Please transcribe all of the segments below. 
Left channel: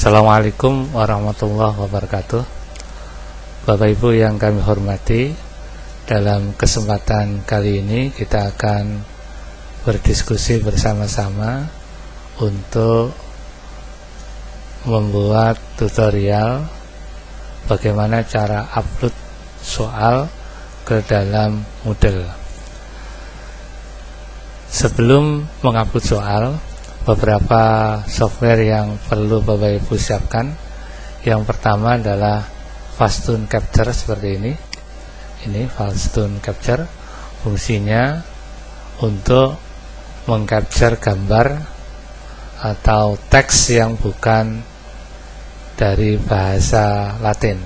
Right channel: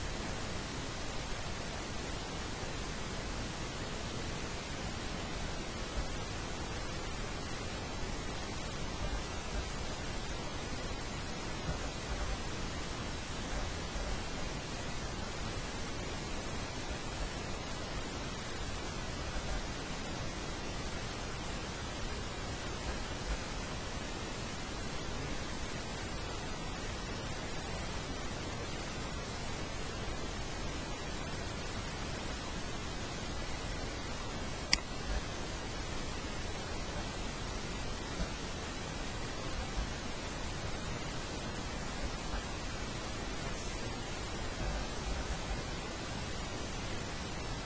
Assalamualaikum warahmatullahi wabarakatuh. Bapak Ibu yang kami hormati, dalam kesempatan kali ini kita akan berdiskusi bersama-sama untuk membuat tutorial bagaimana cara upload soal ke dalam Moodle. Sebelum mengupload soal, beberapa software yang perlu Bapak Ibu siapkan. Yang pertama adalah Fastun Capture seperti ini. Ini Fastun Capture, fungsinya untuk mengcapture gambar atau teks yang bukan dari bahasa Latin,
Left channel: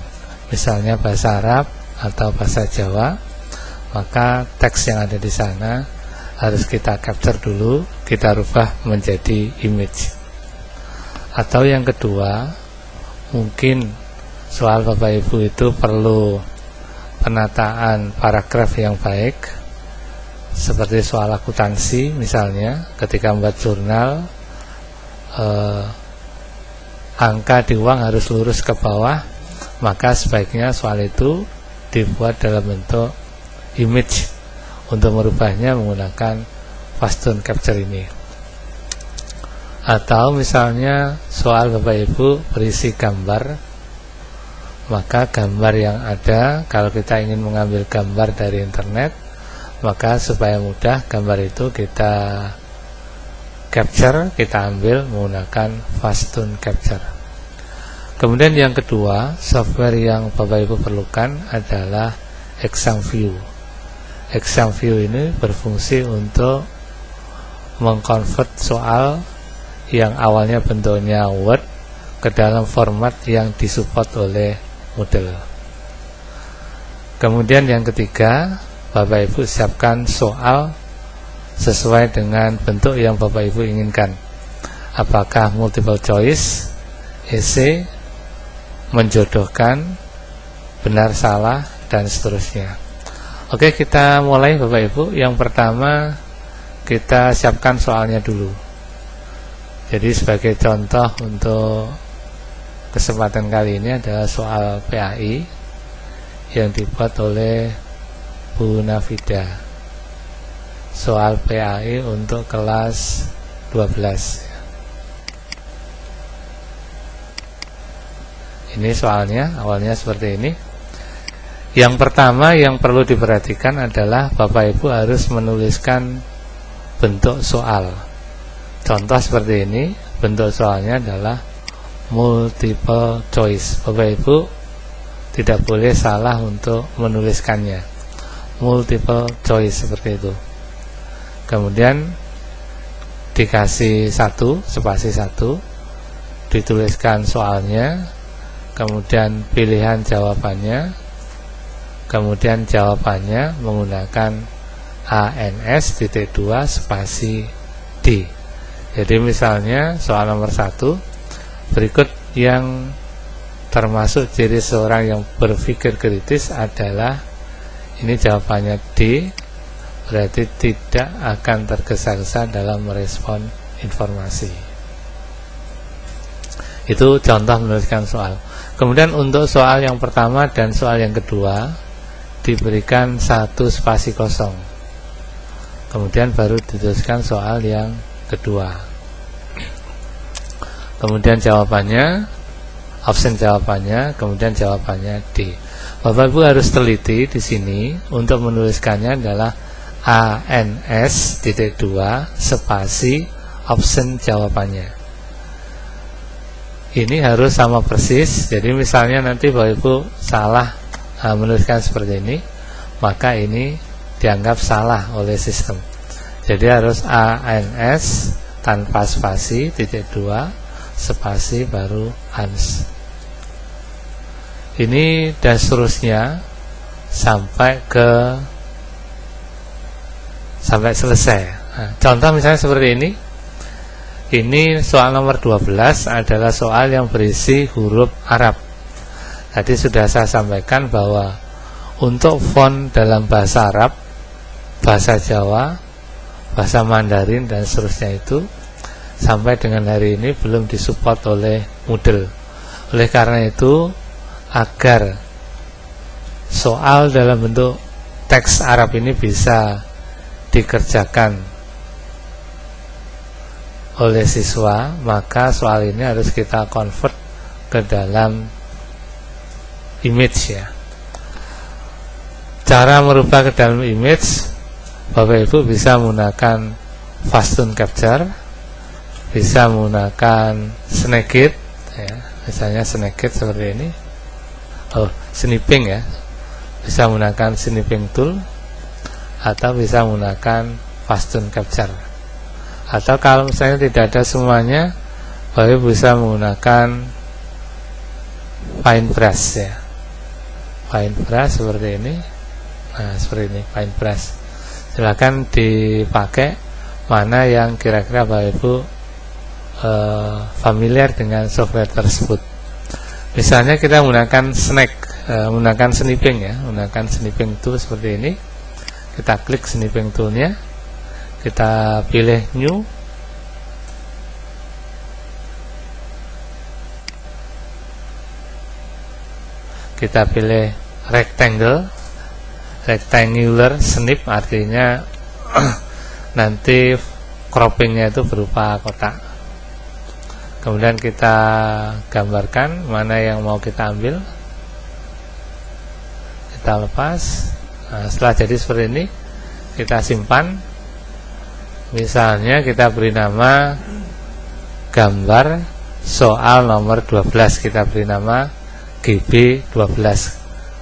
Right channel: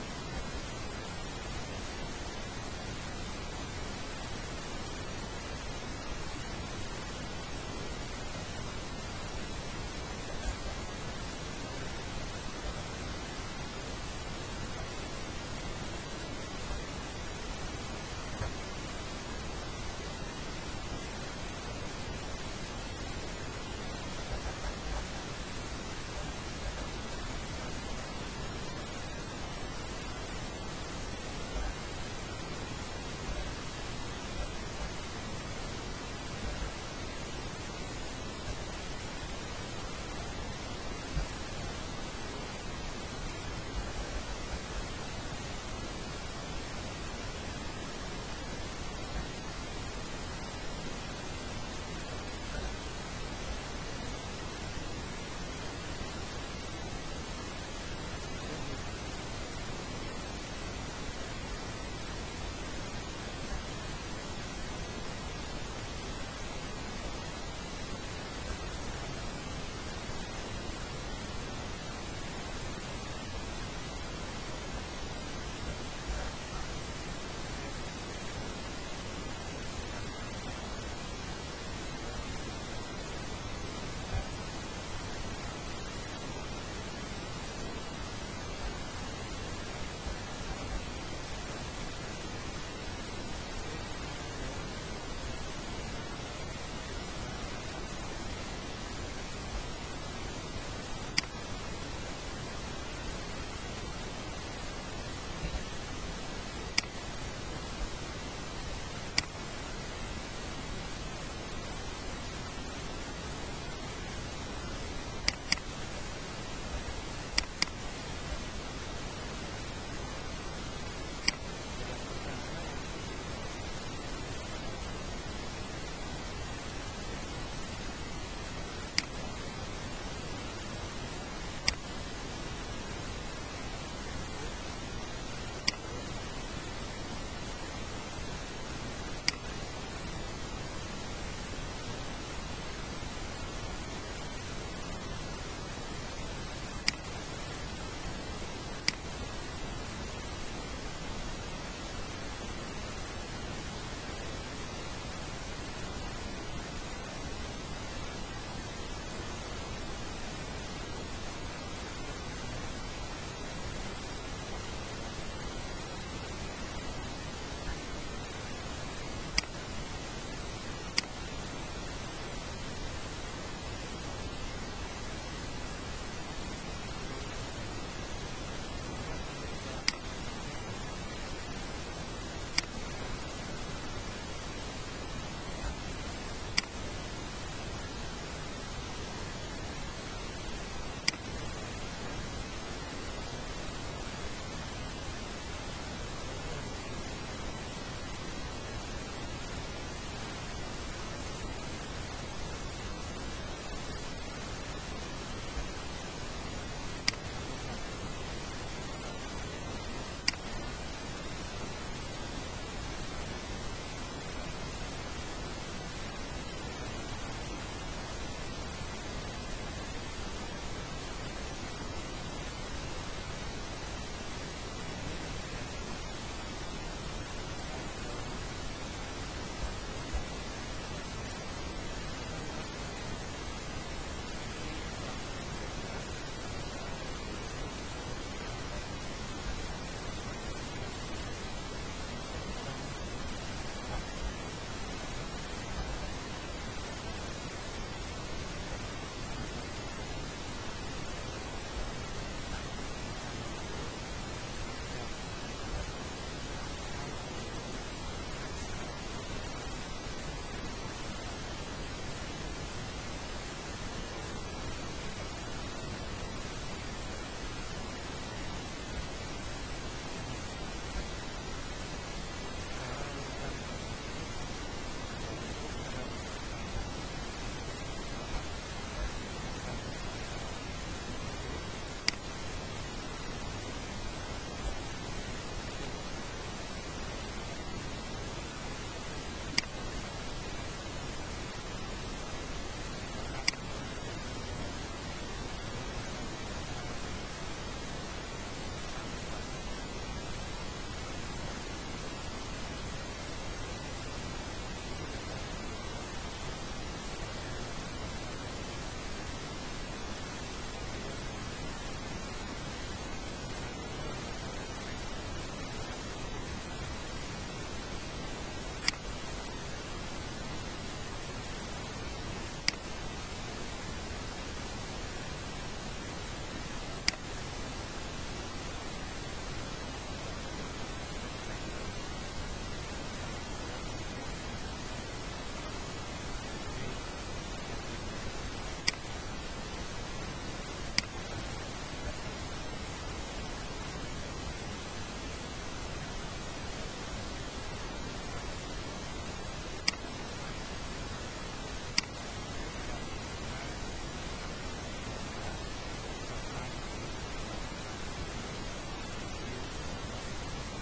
misalnya bahasa Arab atau bahasa Jawa. Maka teks yang ada di sana harus kita capture dulu, kita rubah menjadi image. Atau yang kedua, mungkin soal Bapak Ibu itu perlu penataan paragraf yang baik, seperti soal akuntansi misalnya. Ketika membuat jurnal, angka di uang harus lurus ke bawah, maka sebaiknya soal itu dibuat dalam bentuk image. Untuk merubahnya menggunakan Fastun Capture ini. Atau misalnya soal Bapak Ibu berisi gambar, maka gambar yang ada, kalau kita ingin mengambil gambar dari internet, maka supaya mudah gambar itu kita capture, kita ambil menggunakan Fastun Capture. Kemudian yang kedua, software yang Bapak Ibu perlukan adalah ExamView. ExamView ini berfungsi untuk mengkonvert soal yang awalnya bentuknya Word ke dalam format yang disupport oleh Moodle. Kemudian yang ketiga, Bapak Ibu siapkan soal sesuai dengan bentuk yang Bapak Ibu inginkan. Apakah multiple choice, esai, menjodohkan, benar salah, dan seterusnya. Oke, kita mulai Bapak Ibu. Yang pertama, kita siapkan soalnya dulu. Jadi sebagai contoh untuk kesempatan kali ini adalah soal PAI yang dibuat oleh Bu Nafida. Soal PAI untuk kelas 12. Ini soalnya, awalnya seperti ini. Yang pertama yang perlu diperhatikan adalah Bapak Ibu harus menuliskan bentuk soal. Contoh seperti ini, bentuk soalnya adalah multiple choice. Bapak Ibu tidak boleh salah untuk menuliskannya. Multiple choice seperti itu. Kemudian dikasih spasi 1, dituliskan soalnya, kemudian pilihan jawabannya, kemudian jawabannya menggunakan ANS.2 spasi D. Jadi misalnya soal nomor 1, berikut yang termasuk ciri seorang yang berpikir kritis adalah, ini jawabannya D, berarti tidak akan tergesa-gesa dalam merespon informasi. Itu contoh menuliskan soal. Kemudian untuk soal yang pertama dan soal yang kedua diberikan 1 spasi kosong. Kemudian baru dituliskan soal yang kedua. Kemudian jawabannya, option jawabannya, kemudian jawabannya D. Bapak Ibu harus teliti di sini untuk menuliskannya adalah ANS.2 spasi option jawabannya. Ini harus sama persis. Jadi misalnya nanti Bapak Ibu salah menuliskan seperti ini, maka ini dianggap salah oleh sistem. Jadi harus ANS tanpa spasi, .2 spasi baru ANS. Ini dan seterusnya sampai selesai. Nah, contoh misalnya seperti ini. Ini soal nomor 12 adalah soal yang berisi huruf Arab. Tadi sudah saya sampaikan bahwa untuk font dalam bahasa Arab, bahasa Jawa, bahasa Mandarin dan seterusnya itu sampai dengan hari ini belum disupport oleh Moodle. Oleh karena itu, agar soal dalam bentuk teks Arab ini bisa dikerjakan oleh siswa, maka soal ini harus kita convert ke dalam image ya. Cara merubah ke dalam image, Bapak Ibu bisa menggunakan fast tune capture, bisa menggunakan Snagit ya, misalnya Snagit seperti ini, snipping ya, bisa menggunakan snipping tool, atau bisa menggunakan fast tune capture. Atau kalau misalnya tidak ada semuanya, Bapak Ibu bisa menggunakan fine brush ya, fine brush seperti ini. Nah, seperti ini fine brush. Silakan dipakai mana yang kira-kira Bapak Ibu familiar dengan software tersebut. Misalnya kita menggunakan menggunakan snipping ya, menggunakan snipping tool seperti ini. Kita klik snipping toolnya, kita pilih new, kita pilih rectangular snip, artinya nanti croppingnya itu berupa kotak. Kemudian kita gambarkan mana yang mau kita ambil, kita lepas. Nah, setelah jadi seperti ini, kita simpan. Misalnya kita beri nama gambar soal nomor 12, kita beri nama GB12,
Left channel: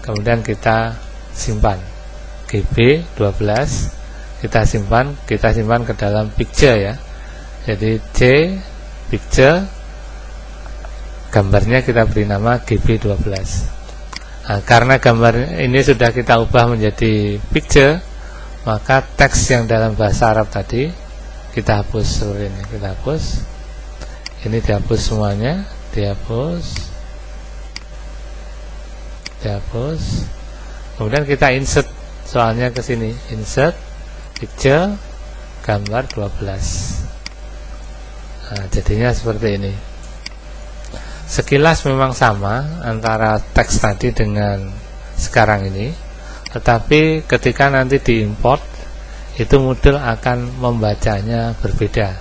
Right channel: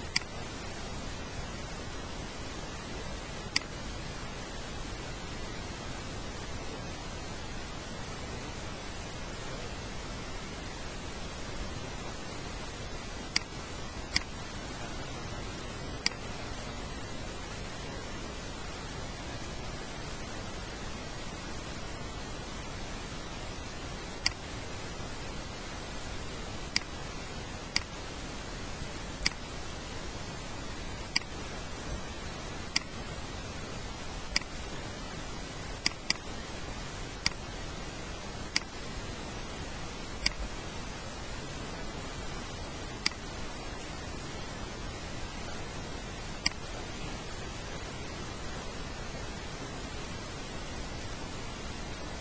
kemudian kita simpan GB12, kita simpan ke dalam picture ya. Jadi C picture, gambarnya kita beri nama GB12. Nah, karena gambar ini sudah kita ubah menjadi picture, maka teks yang dalam bahasa Arab tadi kita hapus seperti ini. Kita hapus, ini dihapus semuanya, dihapus. Kemudian kita insert soalnya ke sini, insert picture gambar 12. Nah, jadinya seperti ini. Sekilas memang sama antara teks tadi dengan sekarang ini, tetapi ketika nanti diimport, itu Moodle akan membacanya berbeda.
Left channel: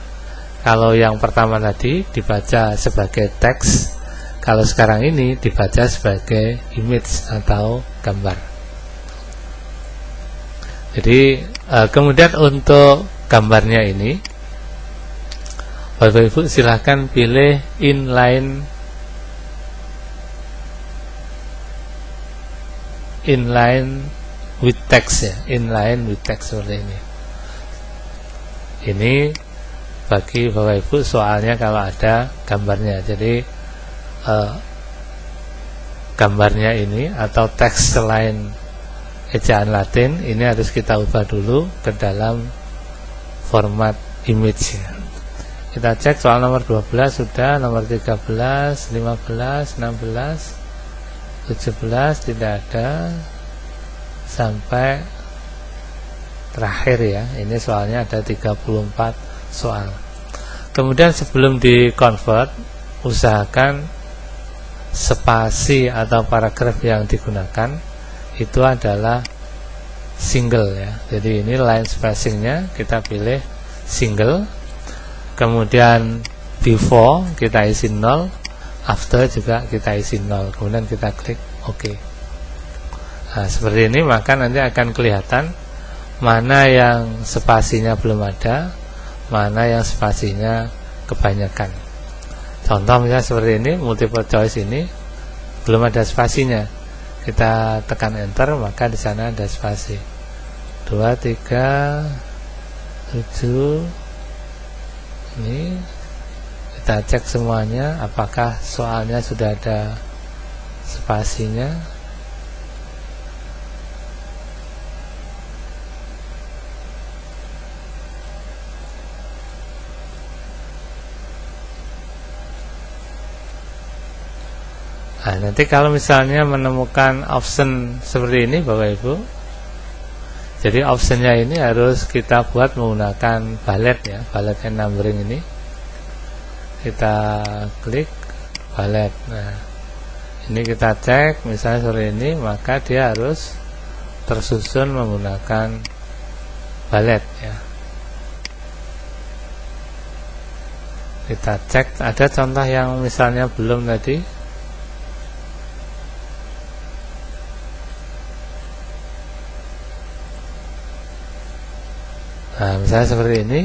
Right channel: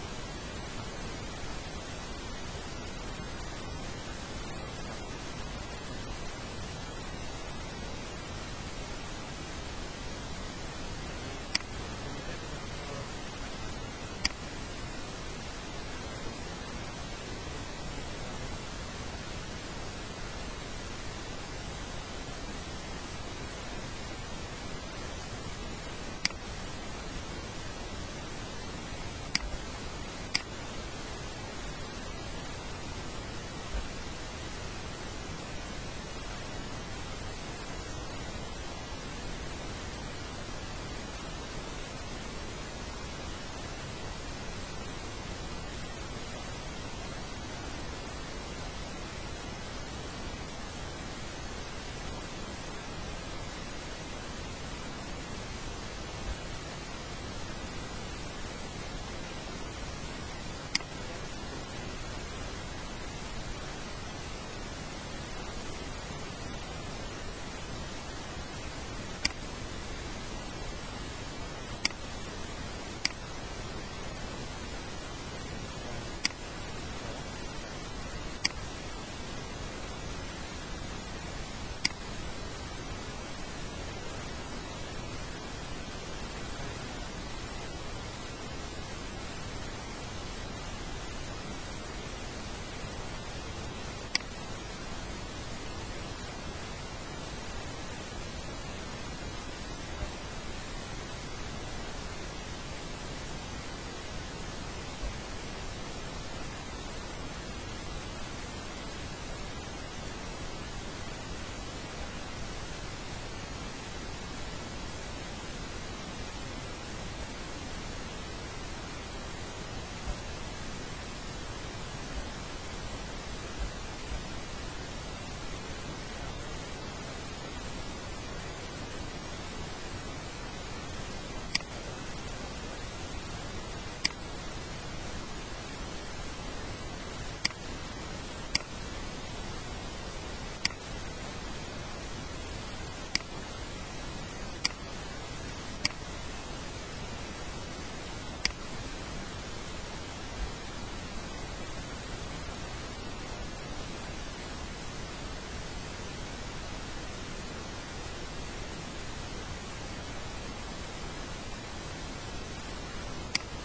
Kalau yang pertama tadi dibaca sebagai teks, kalau sekarang ini dibaca sebagai image atau gambar. Jadi kemudian untuk gambarnya ini, Bapak Ibu silahkan pilih inline with text ya, inline with text seperti ini. Ini bagi Bapak Ibu soalnya kalau ada gambarnya. Jadi gambarnya ini atau teks selain ejaan Latin ini harus kita ubah dulu ke dalam format image ya. Kita cek soal nomor 12 sudah, nomor 13, 15, 16, 17 tidak ada, sampai terakhir ya. Ini soalnya ada 34 soal. Kemudian sebelum di convert, usahakan spasi atau paragraf yang digunakan itu adalah single ya. Jadi ini line spacingnya kita pilih single, kemudian before kita isi 0, after juga kita isi 0, kemudian kita klik OK. Nah, seperti ini, maka nanti akan kelihatan mana yang spasinya belum ada, mana yang spasinya kebanyakan. Contoh misalnya seperti ini, multiple choice ini belum ada spasinya. Kita tekan enter, maka di sana ada spasi. 2, 3, 7. Ini kita cek semuanya apakah soalnya sudah ada spasinya. Nah, nanti kalau misalnya menemukan option seperti ini Bapak Ibu, jadi optionnya ini harus kita buat menggunakan ballet ya, ballet and numbering ini. kita klik ballet. Nah, ini kita cek misalnya seperti ini, maka dia harus tersusun menggunakan ballet ya. Kita cek, ada contoh yang misalnya belum tadi. Nah, misalnya seperti ini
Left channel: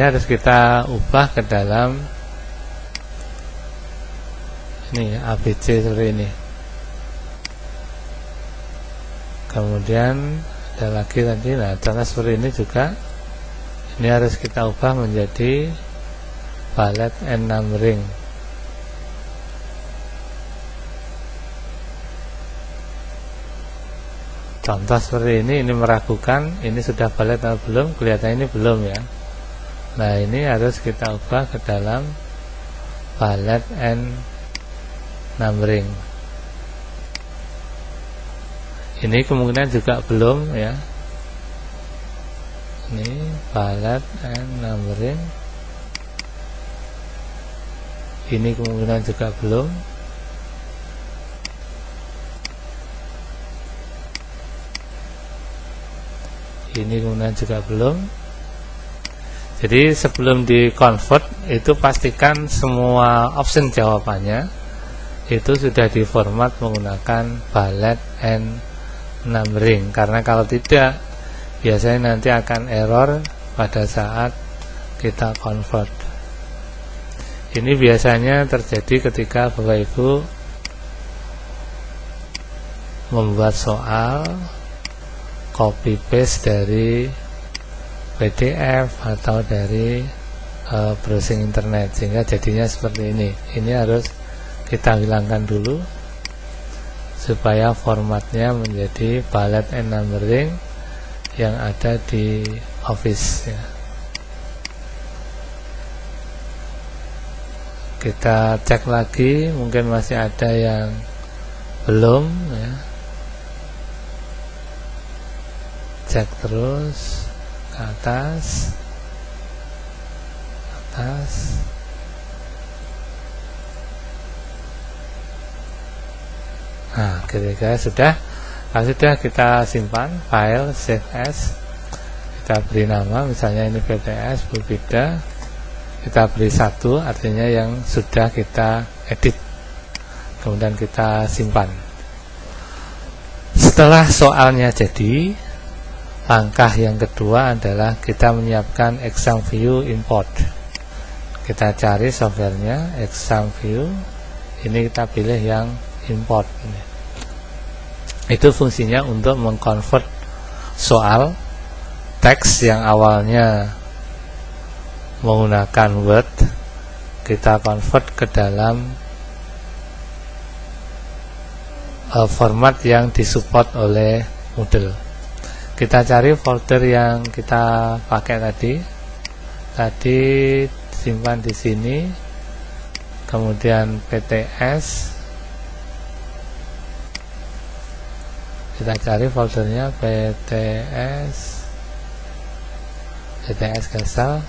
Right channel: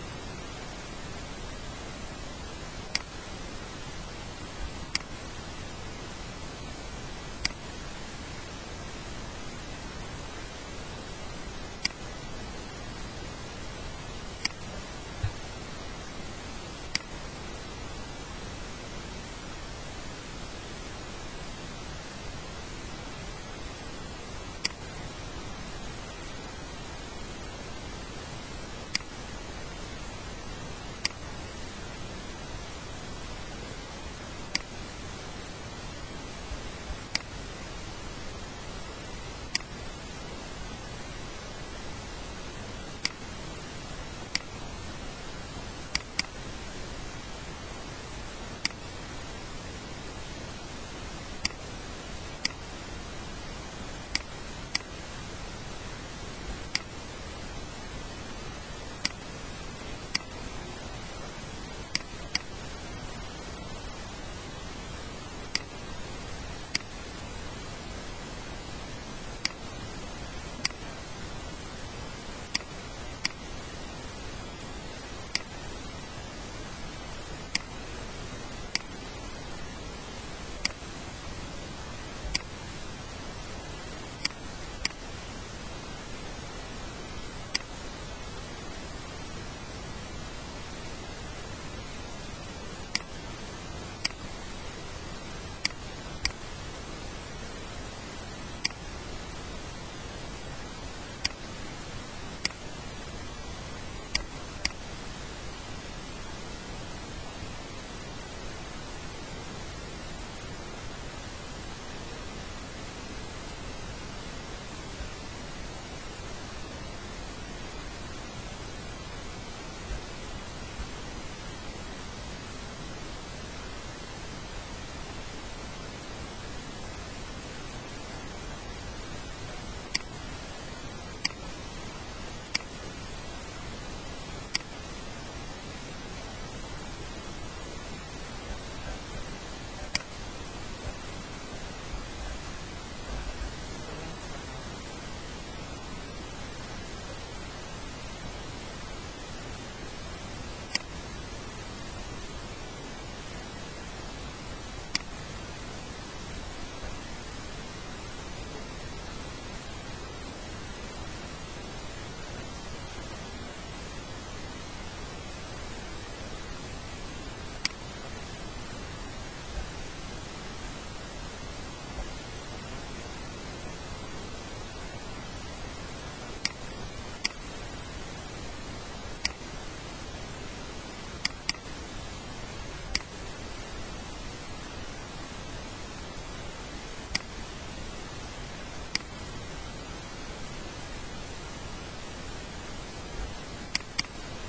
harus kita ubah ke dalam ini ABC seperti ini. Kemudian ada lagi tadi, nah contoh seperti ini juga, ini harus kita ubah menjadi ballet and numbering. Contoh seperti ini meragukan, ini sudah ballet atau belum, kelihatannya ini belum ya. Nah, ini harus kita ubah ke dalam ballet and numbering. Ini kemungkinan juga belum ya. Ini ballet and numbering. Ini kemungkinan juga belum. Ini kemungkinan juga belum. Jadi sebelum di convert itu pastikan semua option jawabannya itu sudah diformat menggunakan ballet and numbering, karena kalau tidak biasanya nanti akan error pada saat kita convert. Ini biasanya terjadi ketika Bapak Ibu membuat soal copy paste dari PDF atau dari browsing internet, sehingga jadinya seperti ini. Ini harus kita hilangkan dulu supaya formatnya menjadi ballet and numbering yang ada di Office ya. Kita cek lagi, mungkin masih ada yang belum ya. Cek terus ke atas. Nah, ketika sudah kita simpan file save as, kita beri nama, misalnya ini PTS Bu Vida, kita beri 1, artinya yang sudah kita edit, kemudian kita simpan. Setelah soalnya jadi, langkah yang kedua adalah kita menyiapkan exam view import. Kita cari softwarenya exam view, ini kita pilih yang import. Itu fungsinya untuk mengkonvert soal teks yang awalnya menggunakan Word, kita convert ke dalam format yang disupport oleh Moodle. Kita cari folder yang kita pakai tadi simpan di sini, kemudian PTS, kita cari foldernya PTS Gesal,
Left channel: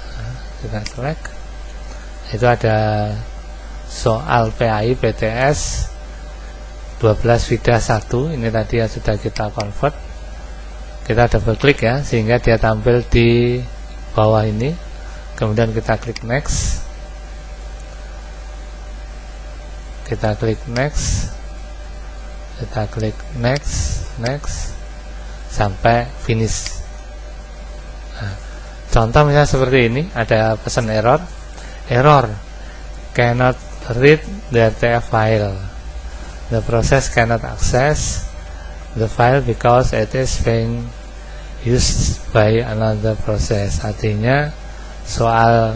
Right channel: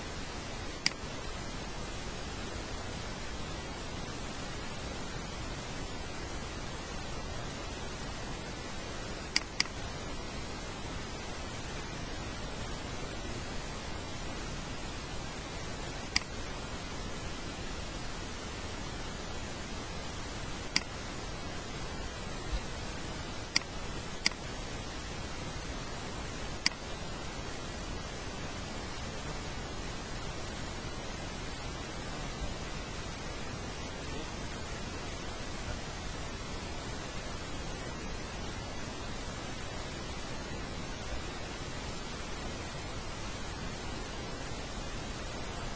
kita select. Itu ada soal PAI PTS 12 Vida 1, ini tadi yang sudah kita convert. Kita double klik ya, sehingga dia tampil di bawah ini. Kemudian kita klik next, kita klik next, kita klik next sampai finish. Nah, contoh misalnya seperti ini, ada pesan error cannot read the TF file, the process cannot access the file because it is being used by another process. Artinya soal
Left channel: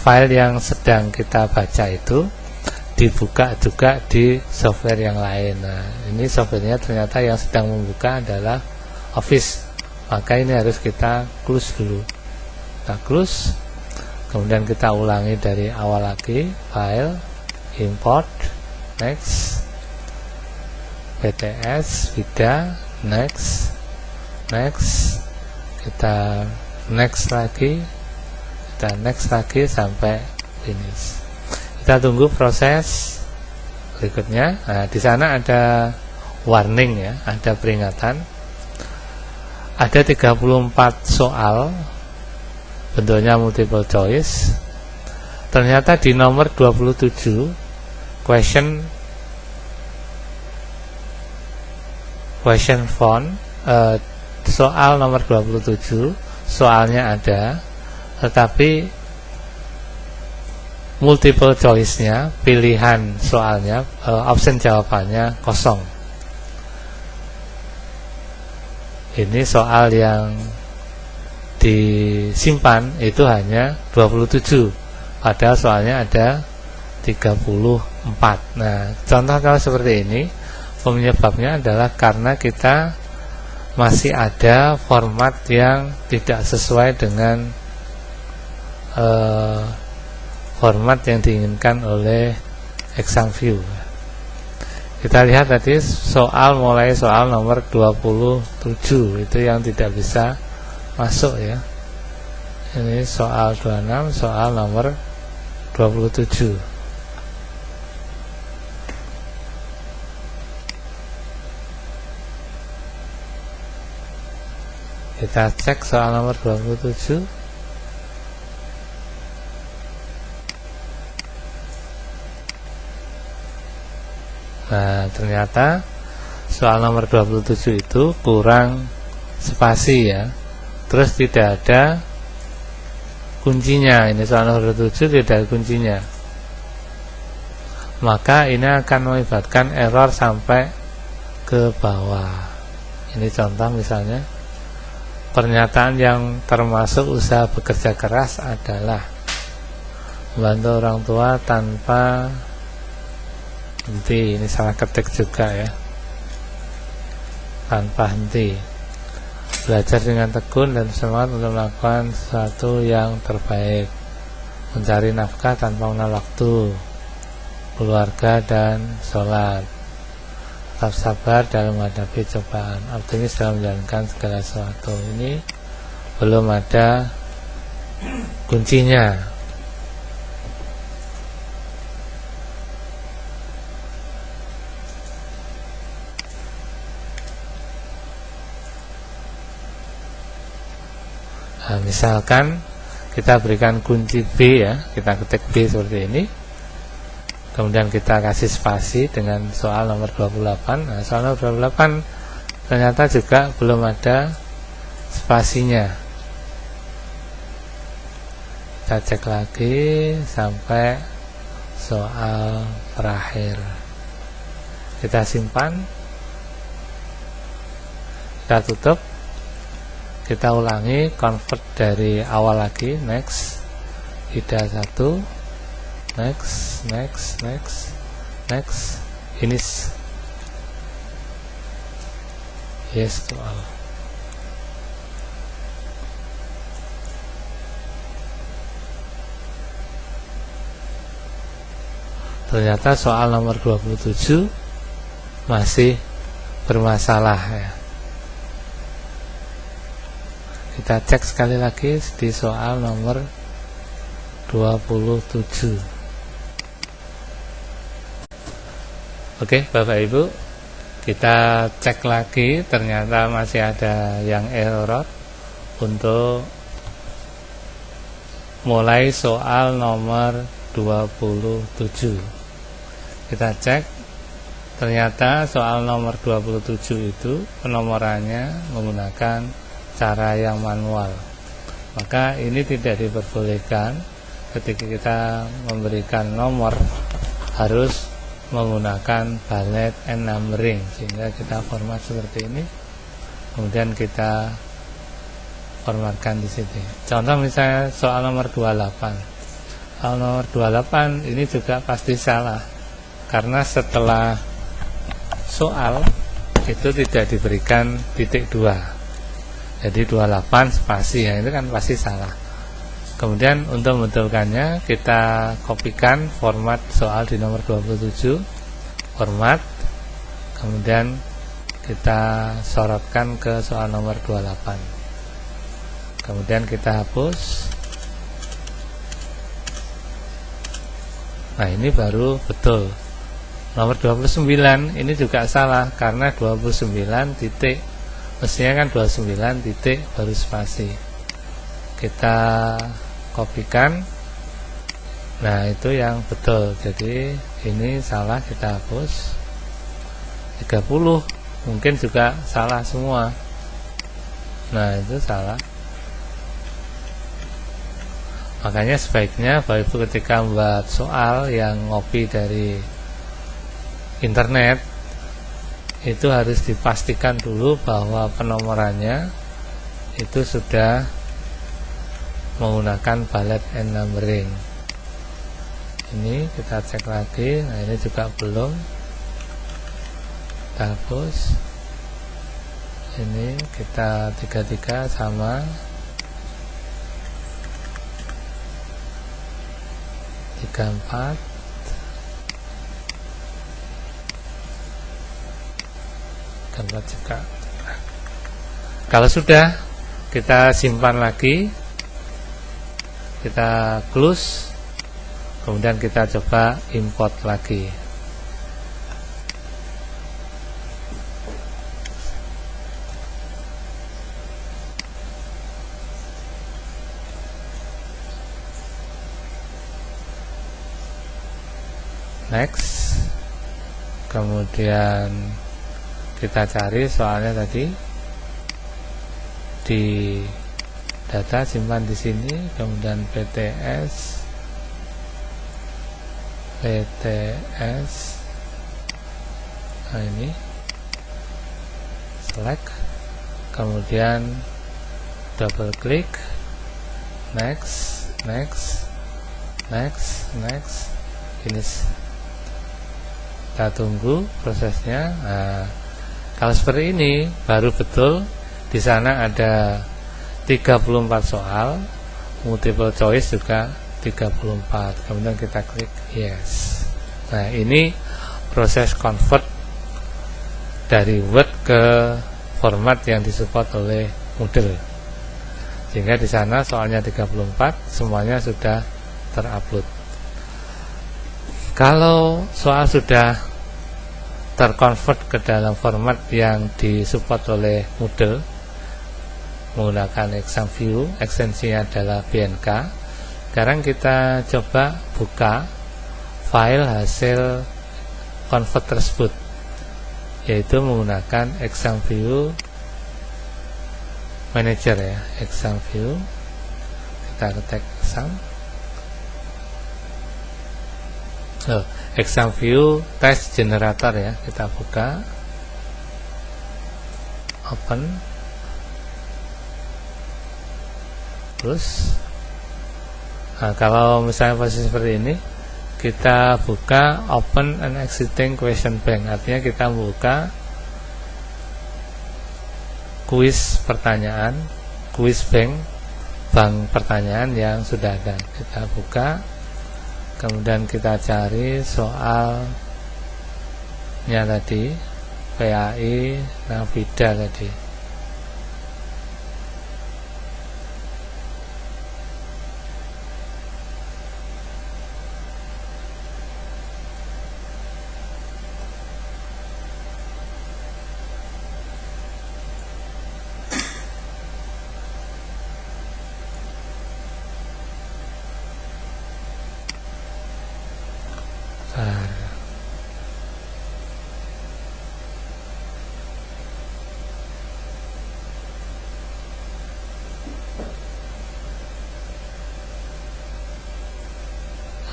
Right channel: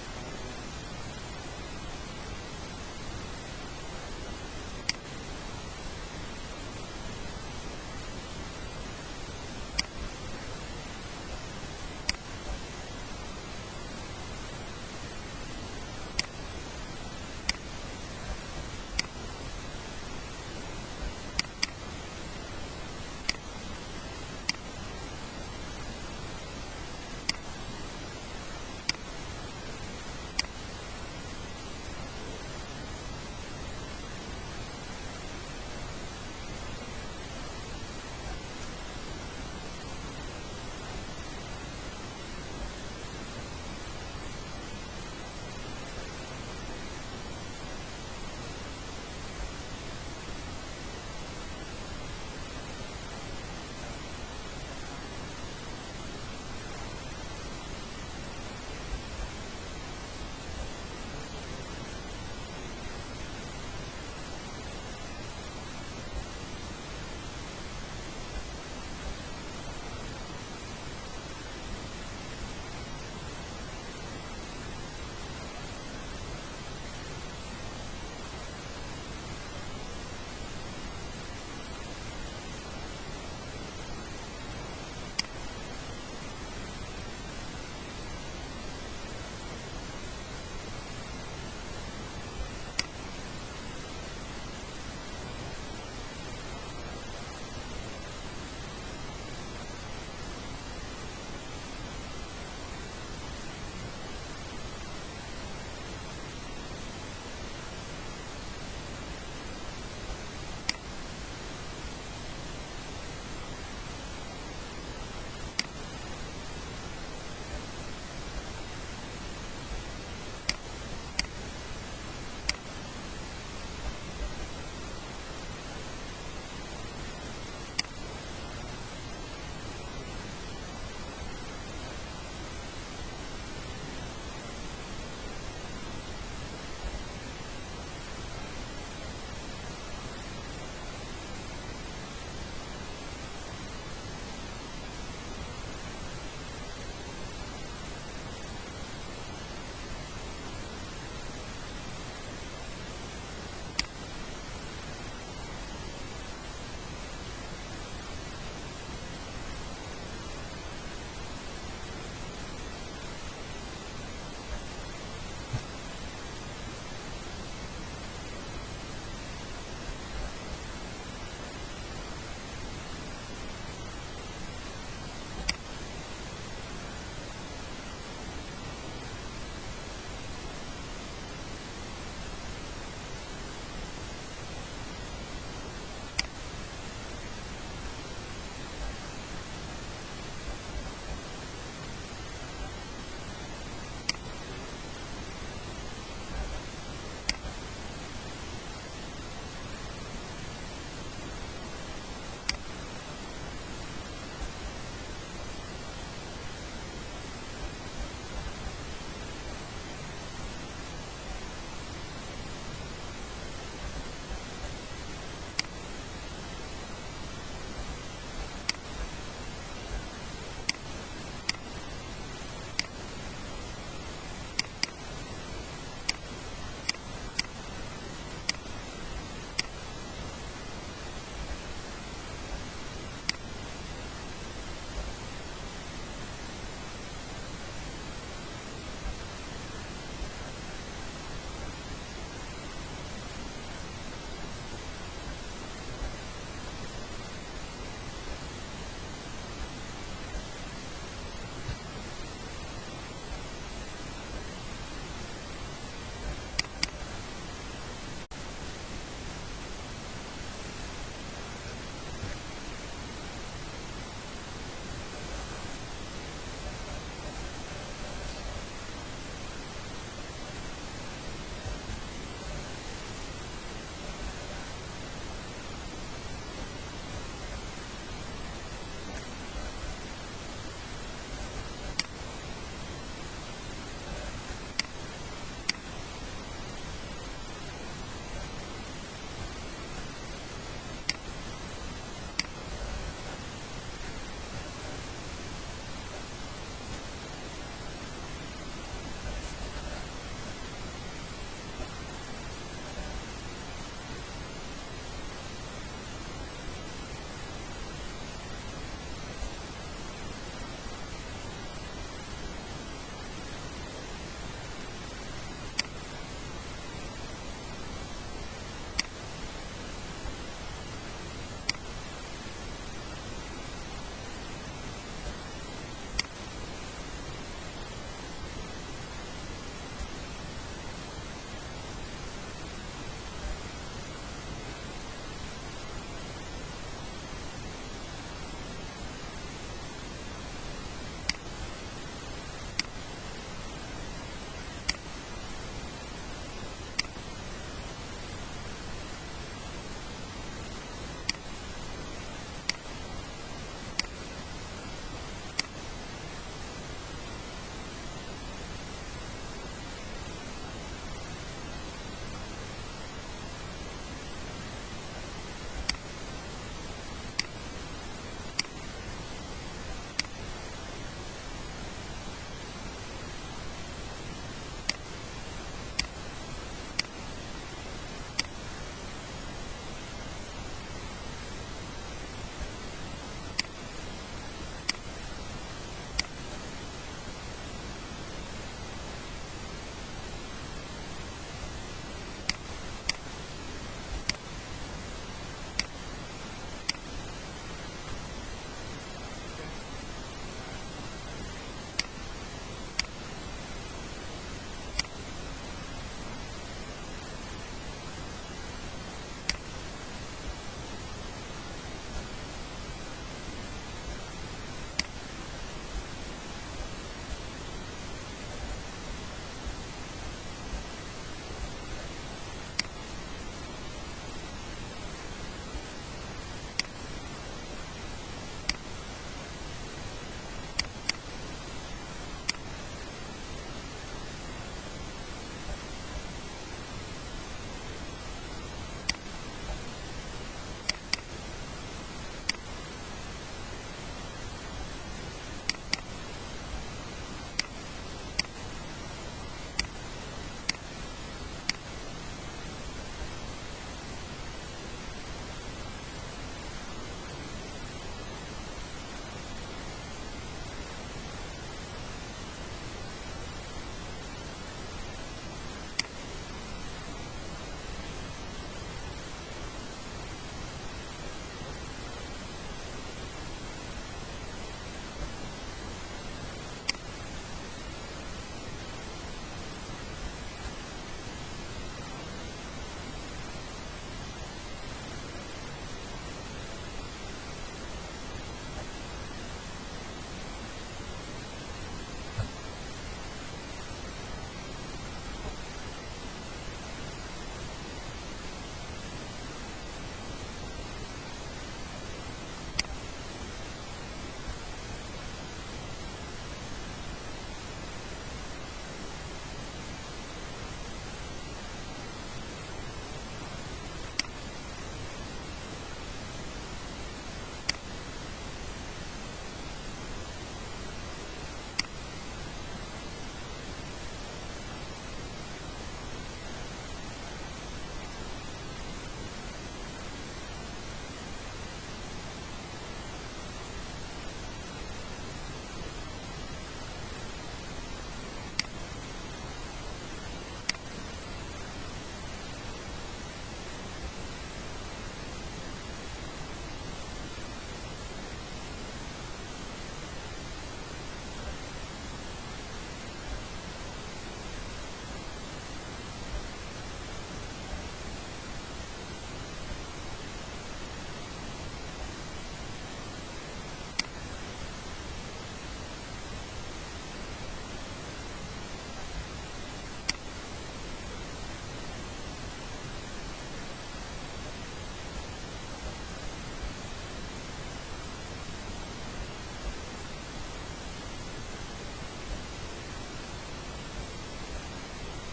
file yang sedang kita baca itu dibuka juga di software yang lain. Nah, ini softwarenya ternyata yang sedang membuka adalah Office, maka ini harus kita close dulu. Kita close, kemudian kita ulangi dari awal lagi, file, import, next, PTS, Vida, next, kita next lagi sampai finish. Kita tunggu proses berikutnya. Nah, di sana ada warning ya, ada peringatan. Ada 34 soal, bentuknya multiple choice. Ternyata di nomor 27 question font, soal nomor 27 soalnya ada, tetapi multiple choice-nya, pilihan soalnya, option jawabannya kosong. Ini soal yang disimpan itu hanya 27, padahal soalnya ada 34. Nah, contoh kalau seperti ini, penyebabnya adalah karena kita masih ada format yang tidak sesuai dengan format yang diinginkan oleh ExamView. Kita lihat tadi mulai soal nomor 27 itu yang tidak bisa masuk ya. Ini soal 26, soal nomor 27. Kita cek soal nomor 27. Nah, ternyata soal nomor 27 itu kurang spasi ya. Terus tidak ada kuncinya. Ini soal nomor 27 tidak ada kuncinya. Maka ini akan mengakibatkan error sampai ke bawah. Ini contoh misalnya, pernyataan yang termasuk usaha bekerja keras adalah membantu orang tua tanpa henti. Ini salah ketik juga ya, tanpa henti. Belajar dengan tekun dan semangat untuk melakukan sesuatu yang terbaik. Mencari nafkah tanpa mengenal waktu. Keluarga dan sholat. Tetap sabar dalam menghadapi cobaan. Optimis dalam menjalankan segala sesuatu. Ini belum ada kuncinya. Nah, misalkan kita berikan kunci B ya, kita ketik B seperti ini, kemudian kita kasih spasi dengan soal nomor 28. Nah, soal nomor 28 ternyata juga belum ada spasinya. Kita cek lagi sampai soal terakhir. Kita simpan, kita tutup. Kita ulangi, convert dari awal lagi, next, tidak satu, next, finish, yes to all. Ternyata soal nomor 27 masih bermasalah ya. Kita cek sekali lagi di soal nomor 27. Oke, Bapak Ibu, kita cek lagi, ternyata masih ada yang error untuk mulai soal nomor 27. Kita cek, ternyata soal nomor 27 itu penomorannya menggunakan cara yang manual. Maka ini tidak diperbolehkan. Ketika kita memberikan nomor harus menggunakan bullet and numbering, sehingga kita format seperti ini, kemudian kita formatkan di sini. Contoh misalnya soal nomor 28. Soal nomor 28 ini juga pasti salah, karena setelah soal itu tidak diberikan titik 2. Jadi 28 spasi ya, itu kan pasti salah. Kemudian untuk membetulkannya kita kopikan format soal di nomor 27, format, kemudian kita sorotkan ke soal nomor 28. Kemudian kita hapus. Nah ini baru betul. Nomor 29 ini juga salah karena 29 titik, mestinya kan 29 titik baru spasi. Kita kopikan. Nah itu yang betul, jadi ini salah, kita hapus. 30 mungkin juga salah semua. Nah itu salah. Makanya sebaiknya Bapak Ibu ketika membuat soal yang ngopi dari internet itu harus dipastikan dulu bahwa penomorannya itu sudah menggunakan bullet and numbering. Ini kita cek lagi. Nah ini juga belum, kita hapus. Ini kita 33 sama, 34, gambar juga. Kalau sudah, kita simpan lagi, kita close, kemudian kita coba import lagi. Next, kemudian kita cari soalnya tadi di data, simpan di sini, kemudian PTS, nah ini select, kemudian double klik, next, finish. Kita tunggu prosesnya. Nah, kalau seperti ini baru betul. Di sana ada 34 soal, multiple choice juga 34. Kemudian kita klik yes. Nah, ini proses convert dari Word ke format yang disupport oleh Moodle. Sehingga di sana soalnya 34, semuanya sudah terupload. Kalau soal sudah terkonvert ke dalam format yang disupport oleh Moodle menggunakan exam view, ekstensinya adalah BNK. Sekarang kita coba buka file hasil convert tersebut, yaitu menggunakan exam view manager ya, exam view. Kita ketik exam. Exam view test generator ya, kita buka, open, terus kalau misalnya posisi seperti ini, kita buka open and exiting question bank, artinya kita buka kuis pertanyaan, kuis bank pertanyaan yang sudah ada. Kita buka, kemudian kita cari soalnya tadi, PAI Navida tadi.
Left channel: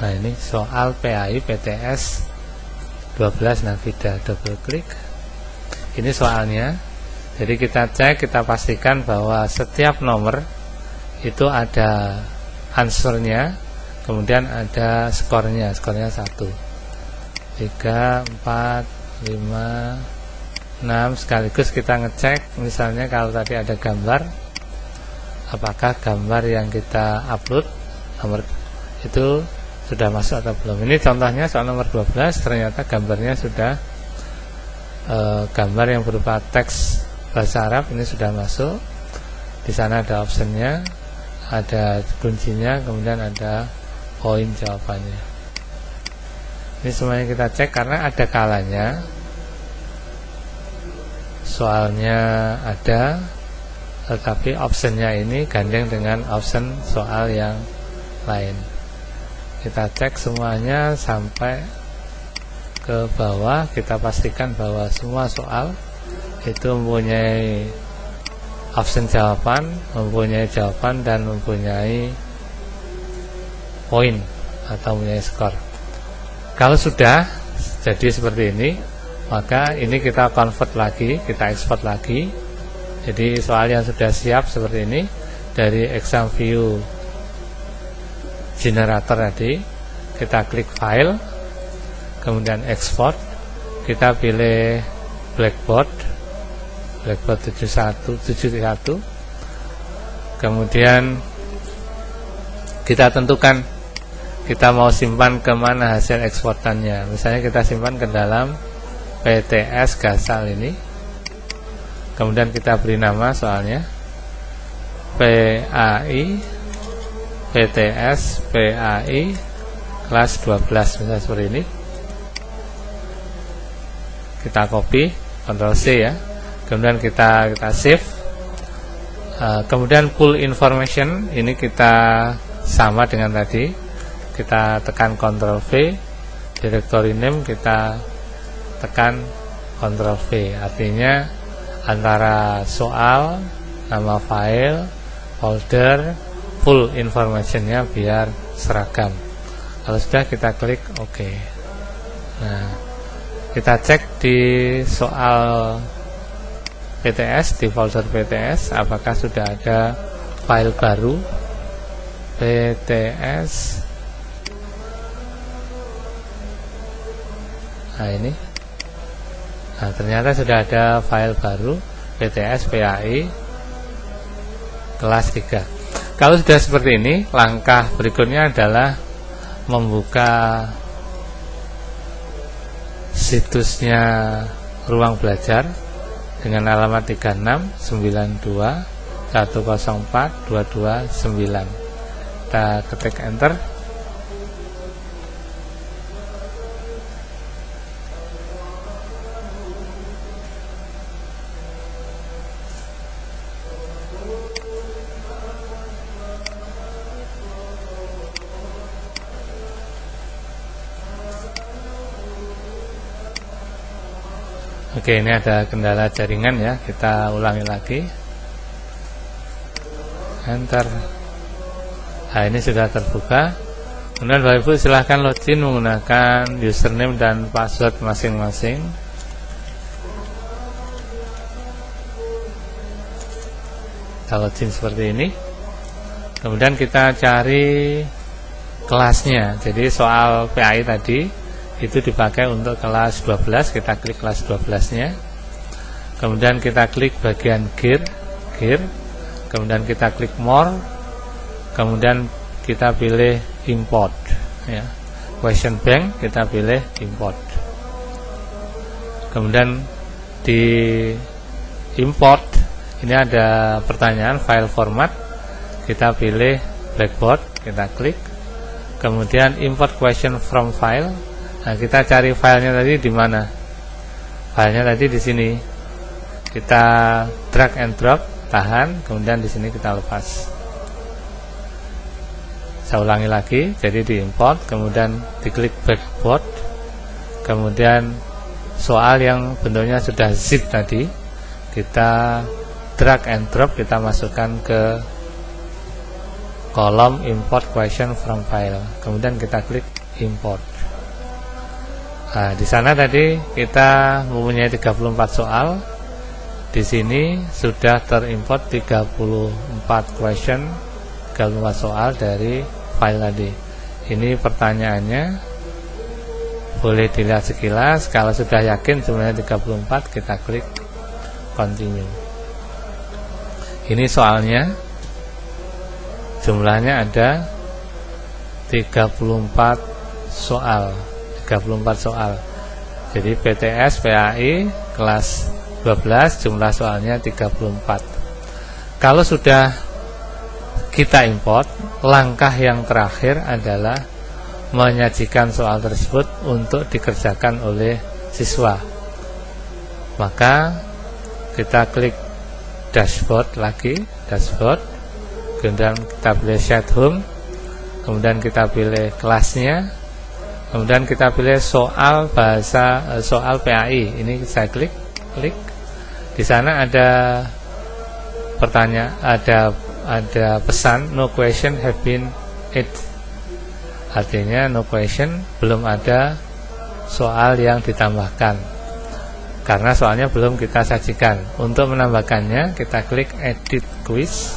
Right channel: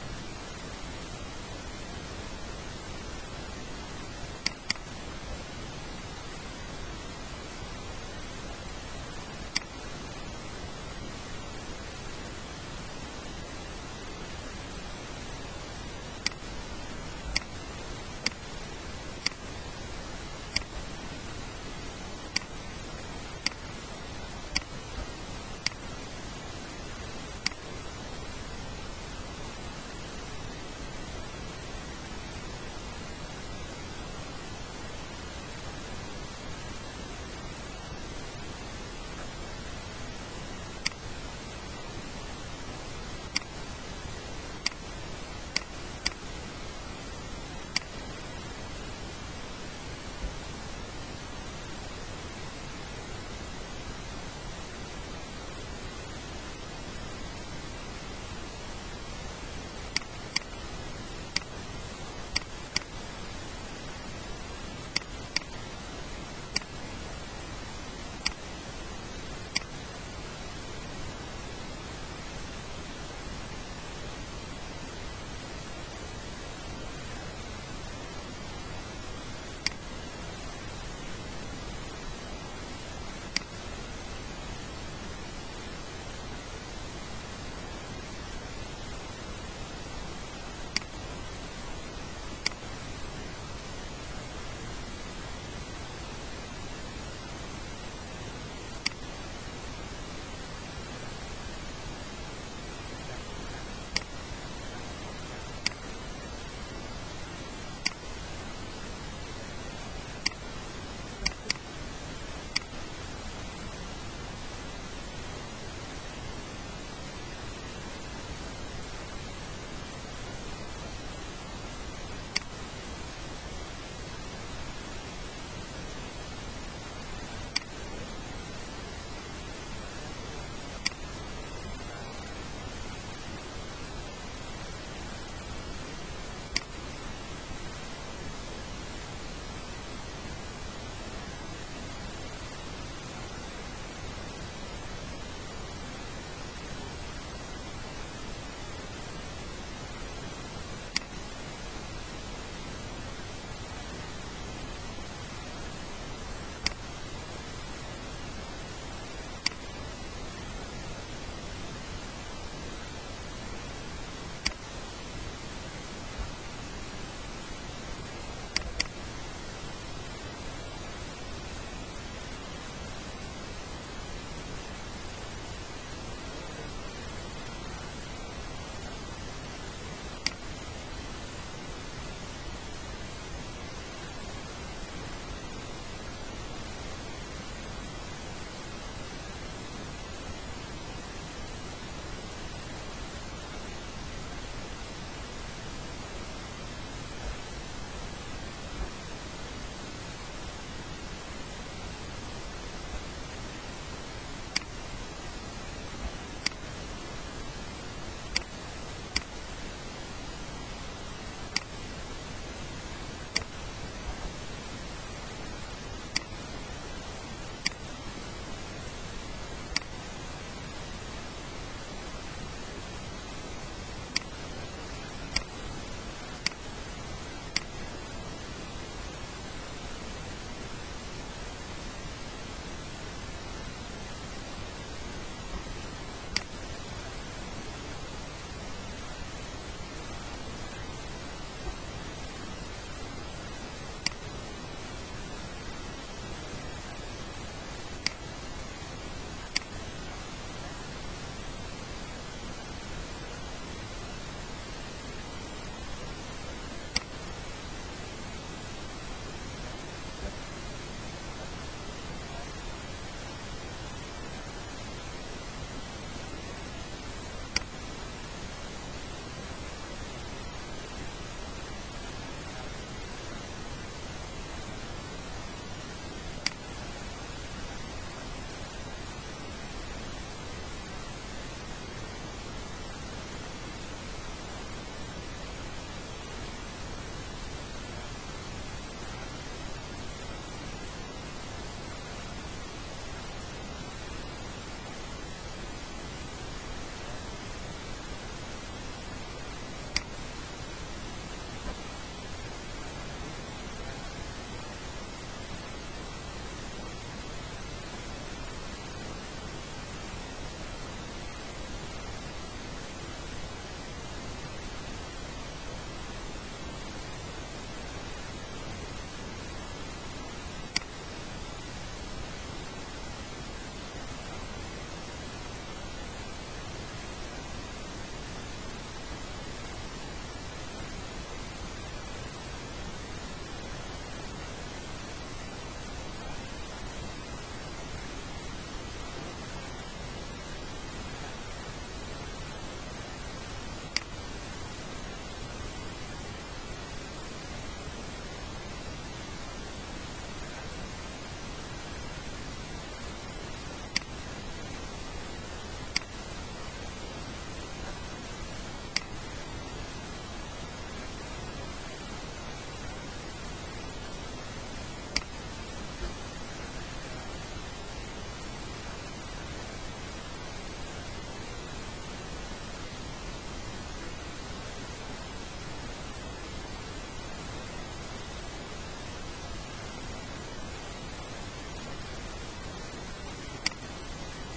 Nah ini soal PAI PTS 12 Navida, double klik. Ini soalnya. Jadi kita cek, kita pastikan bahwa setiap nomor itu ada answernya, kemudian ada skornya 1, 3, 4, 5, 6. Sekaligus kita ngecek, misalnya kalau tadi ada gambar, apakah gambar yang kita upload nomor itu sudah masuk atau belum. Ini contohnya soal nomor 12, ternyata gambarnya sudah gambar yang berupa teks bahasa Arab ini sudah masuk. Di sana ada optionnya, ada kuncinya, kemudian ada poin jawabannya. Ini semuanya kita cek karena ada kalanya soalnya ada, tetapi optionnya ini gandeng dengan option soal yang lain. Kita cek semuanya sampai ke bawah, kita pastikan bahwa semua soal itu mempunyai option jawaban, mempunyai jawaban, dan mempunyai poin atau mempunyai skor. Kalau sudah jadi seperti ini, maka ini kita convert lagi, kita export lagi. Jadi soal yang sudah siap seperti ini dari exam view generator tadi, kita klik file, kemudian export, kita pilih Blackboard 7171, kemudian kita tentukan kita mau simpan kemana hasil eksportannya. Misalnya kita simpan ke dalam PTS Gasal ini, kemudian kita beri nama soalnya PAI PTS PAI kelas 12, misalnya seperti ini. Kita copy, Ctrl C ya, kemudian kita save. Kemudian pull information ini kita sama dengan tadi, kita tekan Ctrl V, directory name kita tekan Ctrl V, artinya antara soal, nama file, folder, full informationnya biar seragam. Kalau sudah kita klik OK. Nah, kita cek di soal PTS, di folder PTS, apakah sudah ada file baru PTS. Nah ini, nah ternyata sudah ada file baru PTS PAI kelas 3. Kalau sudah seperti ini, langkah berikutnya adalah membuka situsnya Ruang Belajar dengan alamat 3692104229. Kita ketik enter. Oke, ini ada kendala jaringan ya, kita ulangi lagi. Enter. Nah, ini sudah terbuka. Kemudian Bapak Ibu silahkan login menggunakan username dan password masing-masing. Kita login seperti ini. Kemudian kita cari kelasnya. Jadi soal PAI tadi itu dipakai untuk kelas 12, kita klik kelas 12 nya, kemudian kita klik bagian gear, kemudian kita klik more, kemudian kita pilih import ya. Question bank kita pilih import, kemudian di import ini ada pertanyaan file format, kita pilih Blackboard, kita klik, kemudian import question from file. Nah, kita cari filenya tadi di mana? Filenya tadi di sini. Kita drag and drop, tahan, kemudian di sini kita lepas. Saya ulangi lagi, jadi diimport, kemudian diklik Blackboard, kemudian soal yang bentuknya sudah zip tadi, kita drag and drop, kita masukkan ke kolom import question from file, kemudian kita klik import. Nah, di sana tadi kita mempunyai 34 soal. Di sini sudah terimport 34 question, 34 soal dari file tadi. Ini pertanyaannya, boleh dilihat sekilas. Kalau sudah yakin sebenarnya 34, kita klik continue. Ini soalnya, jumlahnya ada 34 soal. 34 soal. Jadi PTS PAI kelas 12 jumlah soalnya 34. Kalau sudah kita import, langkah yang terakhir adalah menyajikan soal tersebut untuk dikerjakan oleh siswa. Maka kita klik dashboard lagi, dashboard, kemudian kita pilih Set Home, kemudian kita pilih kelasnya, kemudian kita pilih soal soal PAI. Ini saya klik. Di sana ada pertanyaan, ada pesan no question have been added. Artinya no question, belum ada soal yang ditambahkan karena soalnya belum kita sajikan. Untuk menambahkannya kita klik edit quiz,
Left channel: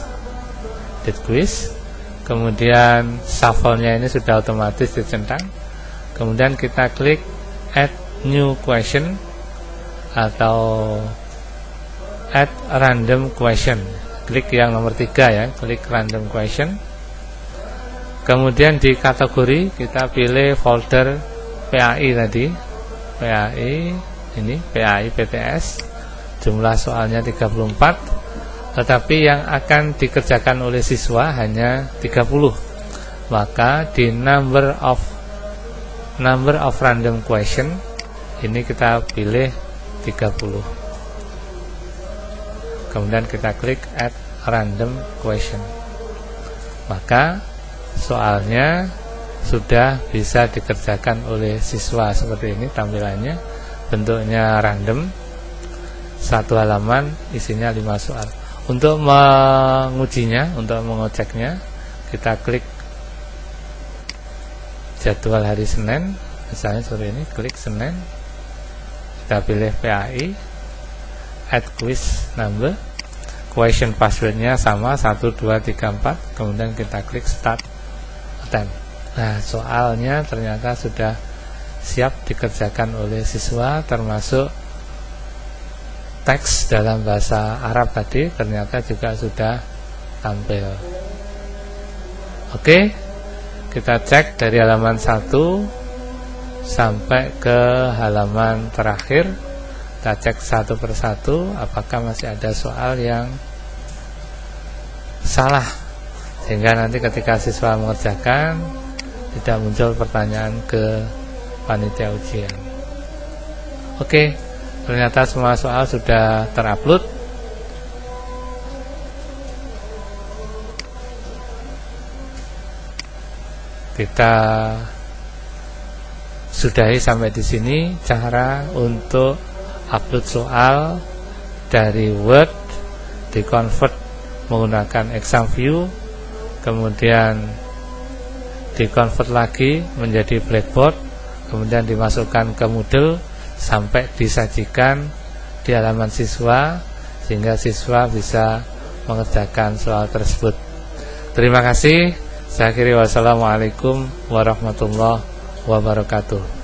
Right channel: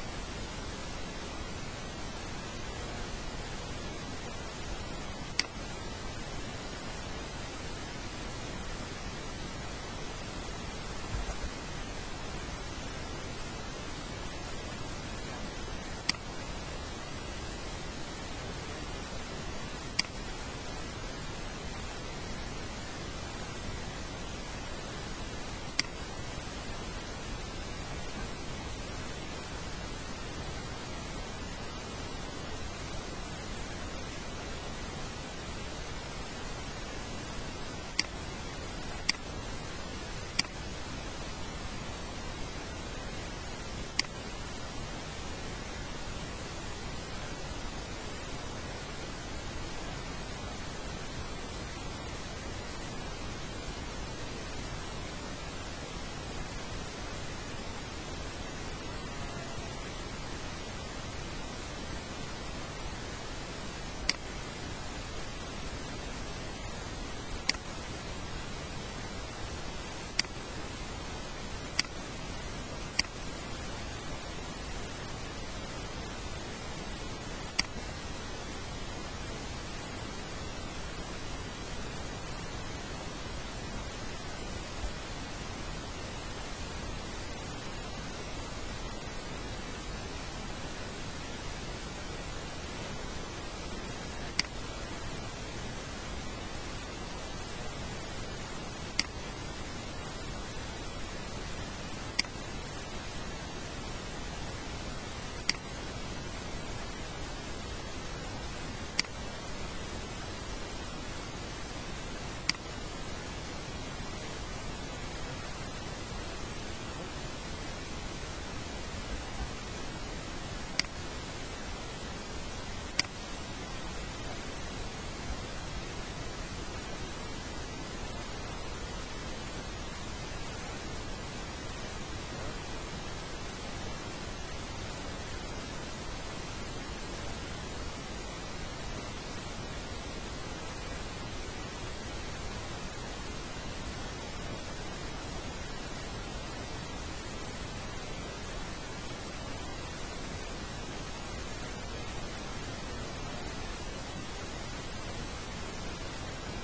kemudian shuffle-nya ini sudah otomatis dicentang. Kemudian kita klik add new question atau add random question. Klik yang nomor 3 ya, klik random question. Kemudian di kategori kita pilih folder PAI tadi, PAI ini, PAI PTS. Jumlah soalnya 34, tetapi yang akan dikerjakan oleh siswa hanya 30. Maka di number of random question ini kita pilih 30. Kemudian kita klik add random question. Maka soalnya sudah bisa dikerjakan oleh siswa. Seperti ini tampilannya, bentuknya random, satu halaman isinya 5 soal. Untuk mengujinya, untuk mengeceknya, kita klik jadwal hari Senin, misalnya seperti ini, klik Senin, kita pilih PAI, add quiz number, question passwordnya sama 1, 2, 3, 4, kemudian kita klik start attempt. Nah, soalnya ternyata sudah siap dikerjakan oleh siswa, termasuk teks dalam bahasa Arab tadi ternyata juga sudah tampil. Oke, kita cek dari halaman 1 sampai ke halaman terakhir. Kita cek satu persatu apakah masih ada soal yang salah, sehingga nanti ketika siswa mengerjakan tidak muncul pertanyaan ke panitia ujian. Oke, ternyata semua soal sudah terupload. Kita sudahi sampai di sini cara untuk upload soal dari Word, dikonvert menggunakan exam view, kemudian dikonvert lagi menjadi blackboard, kemudian dimasukkan ke Moodle sampai disajikan di halaman siswa, sehingga siswa bisa mengerjakan soal tersebut. Terima kasih. Saya akhiri, wassalamualaikum warahmatullahi wabarakatuh.